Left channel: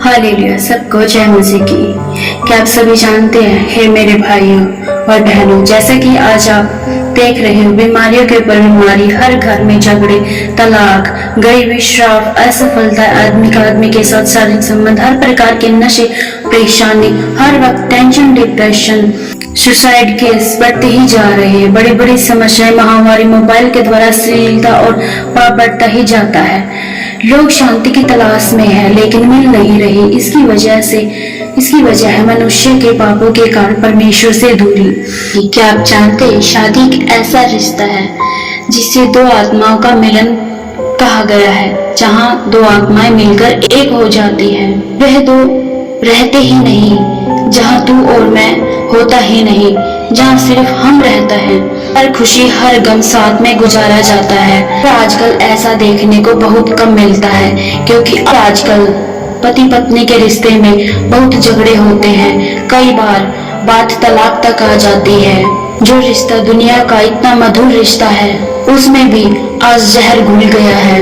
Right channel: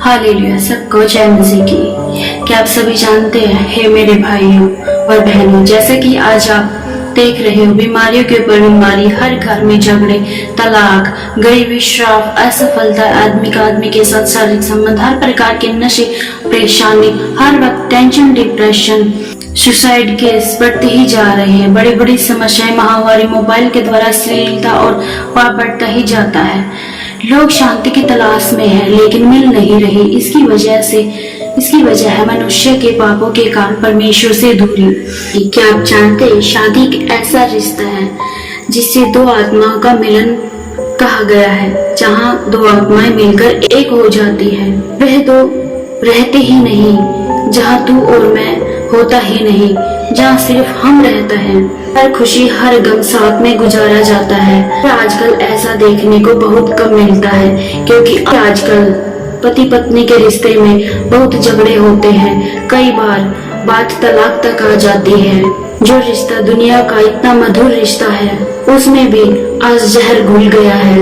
Hallelujah, सबको जय मसीह की। क्या आप सभी जानते हैं, हे मेरे भाइयों और बहनों, जैसे कि आज आप देख रहे हो बीमारियों के ऊपर बीमारी, हर घर में झगड़े, तलाक, गरीबी, श्राप, असफलता, आदमी के साथ शारीरिक संबंध, हर प्रकार के नशे, परेशानी, हर वक्त टेंशन, डिप्रेशन, सुसाइड केस बढ़ते ही जा रहे हैं। बड़ी बड़ी समस्याएं, महामारी, मोबाइल के द्वारा अश्लीलता और पाप बढ़ता ही जाता है। लोग शांति की तलाश में है लेकिन मिल नहीं रही। इसकी वजह है मनुष्य के पापों के कारण परमेश्वर से दूरी। क्या आप जानते हैं, शादी एक ऐसा रिश्ता है जिससे दो आत्माओं का मिलन कहा गया है। जहाँ दो आत्माएं मिलकर एक हो जाती है, वह दो रहते ही नहीं। जहाँ तू और मैं होता ही नहीं, जहाँ सिर्फ हम रहता है। हर खुशी हर गम साथ में गुजारा जाता है। पर आजकल ऐसा देखने को बहुत कम मिलता है, क्योंकि आजकल पति पत्नी के रिश्ते में बहुत झगड़े होते हैं। कई बार बात तलाक तक आ जाती है। जो रिश्ता दुनिया का इतना मधुर रिश्ता है, उसमें भी आज जहर घुल गया है।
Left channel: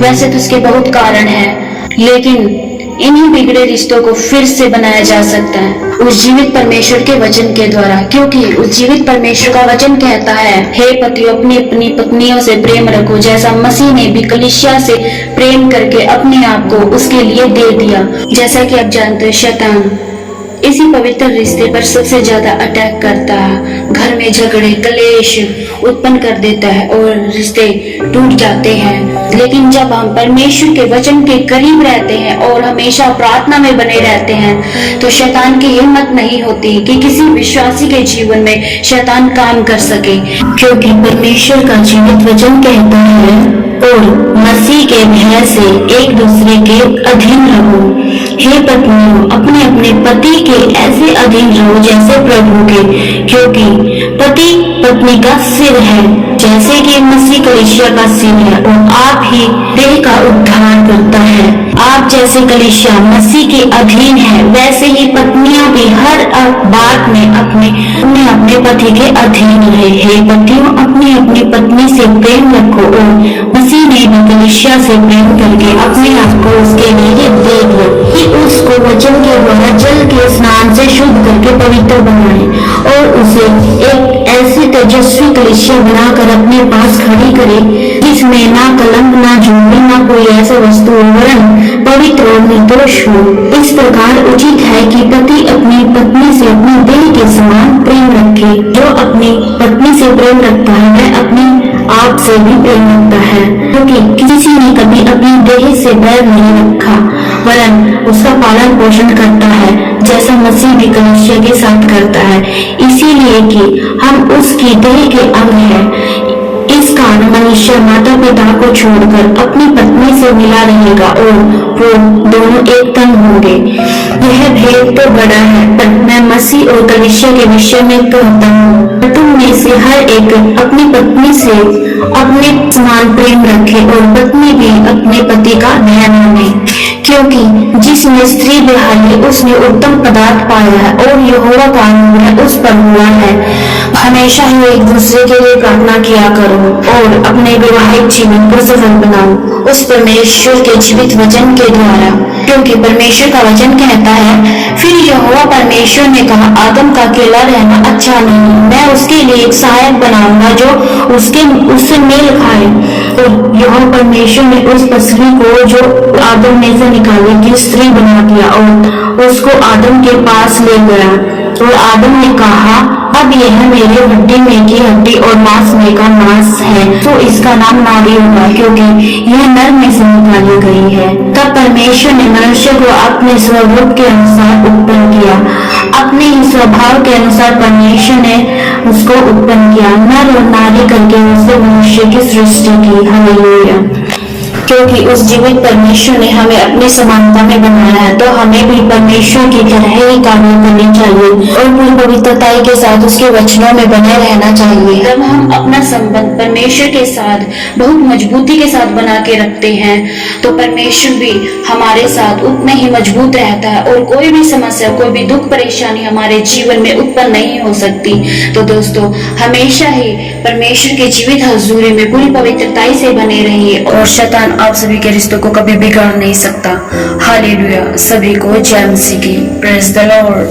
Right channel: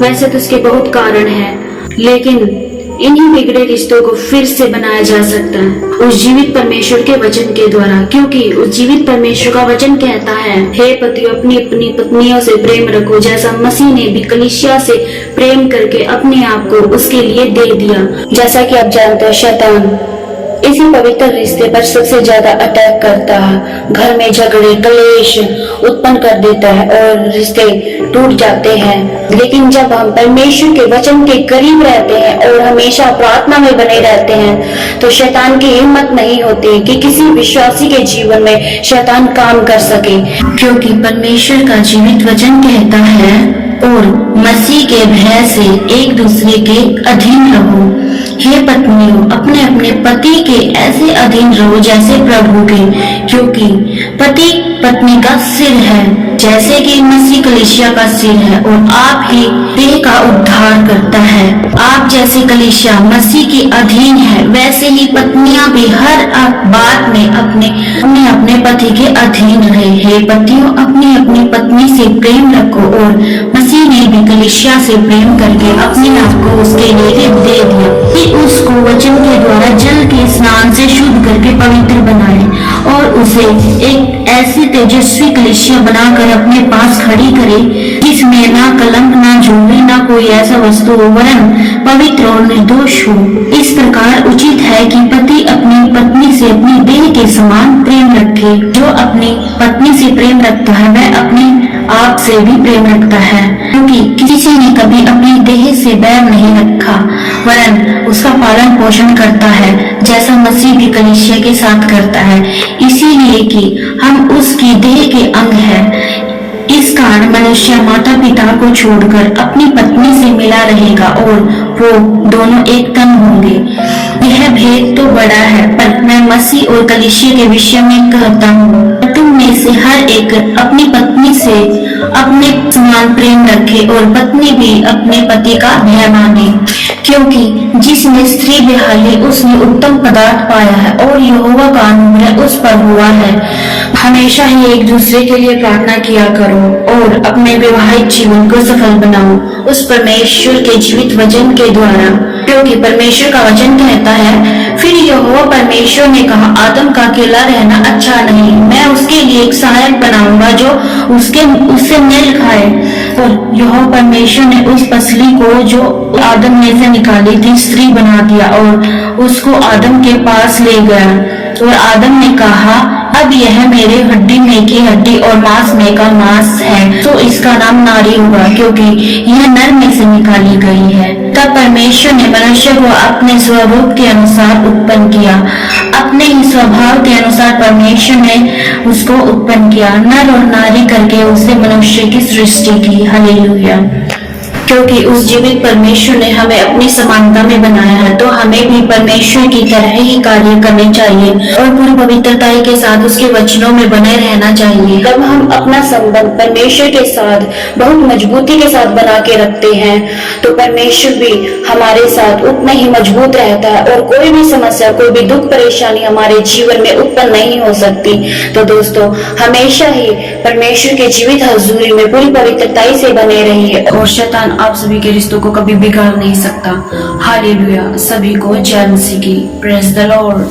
वैसे तो उसके बहुत कारण हैं, लेकिन इन्हीं बिगड़े रिश्तों को फिर से बनाया जा सकता है उस जीवित परमेश्वर के वचन के द्वारा। क्योंकि उस जीवित परमेश्वर का वचन कहता है, हे पतियों, अपनी अपनी पत्नियों से प्रेम रखो, जैसा मसीह ने भी कलीसिया से प्रेम करके अपने आप को उसके लिए दे दिया। जैसा कि आप जानते हैं, शैतान इसी पवित्र रिश्ते पर सबसे ज्यादा अटैक करता है। घर में झगड़े, कलेश उत्पन्न कर देता है और रिश्ते टूट जाते हैं। लेकिन जब हम परमेश्वर के वचन के करीब रहते हैं और हमेशा प्रार्थना में बने रहते हैं, तो शैतान की हिम्मत नहीं होती कि किसी विश्वासी के जीवन में शैतान काम कर सके। क्योंकि परमेश्वर का जीवित वचन कहता है, और मसीह के भय से एक दूसरे के अधीन रहो। हे पत्नियों, अपने अपने पति के ऐसे अधीन रहो जैसे प्रभु के, क्योंकि पति पत्नी का सिर है, जैसे कि मसीह कलीसिया का सिर है, और आप ही देह का उद्धार करता है। आप जैसे कलीसिया मसीह के अधीन है, वैसे ही पत्नियां भी हर बात में अपने अपने पति के अधीन रहे। हे पतियों, अपनी अपनी पत्नी से प्रेम रखो, और मसीह ने भी कलीसिया से प्रेम करके अपने आप को उसके लिए दे दिया कि उसको वचन के द्वारा जल के स्नान से शुद्ध करके पवित्र बनाए और उसे एक ऐसी तेजस्वी कलीसिया बनाकर अपने पास खड़ी करे जिसमें ना कलंक, ना झूठी, ना कोई ऐसा वस्तु वरन पवित्र और निर्दोष हो। इस प्रकार उचित है कि पति अपनी पत्नी से अपनी देह के समान प्रेम रखे। जो अपनी पत्नी से प्रेम रखता है, वह अपने आप से भी प्रेम रखता है, क्योंकि किसी ने कभी अपनी देह से बैर नहीं रखा, वरन उसका पालन पोषण करता है, जैसा मसीह भी कलीसिया के साथ करता है, इसीलिए कि हम उसकी देह के अंग हैं। इस कारण मनुष्य माता पिता को छोड़कर अपनी पत्नी से मिला रहेगा और वो दोनों एक तन होंगे। यह भेद तो बड़ा है, पर मैं मसीह और कलीसिया के विषय में कहता हूँ, तुम में से हर एक अपनी पत्नी से अपने समान प्रेम रखे और पत्नी भी अपने पति का भय माने, क्योंकि जिसने स्त्री बिहाली उसने उत्तम पदार्थ पाया है और यहोवा का अनुग्रह उस पर हुआ है। हमेशा ही एक दूसरे के लिए प्रार्थना किया करो और अपने वैवाहिक जीवन को सफल बनाओ उस परमेश्वर के जीवित वचन के द्वारा, क्योंकि परमेश्वर का वचन कहता है, फिर यहोवा परमेश्वर ने कहा, आदम का अकेला रहना अच्छा नहीं, मैं उसके लिए एक सहायक बनाऊंगा जो उससे मेल खाए। और यहोवा परमेश्वर ने उस पसली को जो आदम में से निकाली थी स्त्री बना दिया और उसको आदम के पास ले गया। और आदम ने कहा, अब यह मेरे हड्डी में की हड्डी और मांस में का मांस है, तो इसका नाम नारी हुआ, क्योंकि यह नर में से निकाली गई है। तब परमेश्वर ने मनुष्य को अपने स्वरूप के अनुसार उत्पन्न किया, अपने ही स्वभाव के अनुसार परमेश्वर ने उसको उत्पन्न किया, नर और नारी करके उससे मनुष्य की सृष्टि की। हालेलुया। क्योंकि उस जीवित परमेश्वर ने हमें अपनी समानता में बनाया है, तो हमें भी परमेश्वर की तरह ही कार्य करने चाहिए और पूरी पवित्रताई के साथ उसके वचनों में बने रहना चाहिए। जब हम अपना संबंध परमेश्वर के साथ बहुत मजबूती के साथ बना के रखते हैं, तो परमेश्वर भी हमारे साथ उतना ही मजबूत रहता है और कोई भी समस्या, कोई भी दुख परेशानी हमारे जीवन में उत्पन्न नहीं हो सकती। तो दोस्तों, हमेशा ही परमेश्वर के जीवित हजूरी में पूरी पवित्रताई से बने रहिए और शैतान आप सभी के रिश्तों को कभी बिगाड़ नहीं सकता। हालेलुया। सभी को जय मसीह की। Praise the Lord.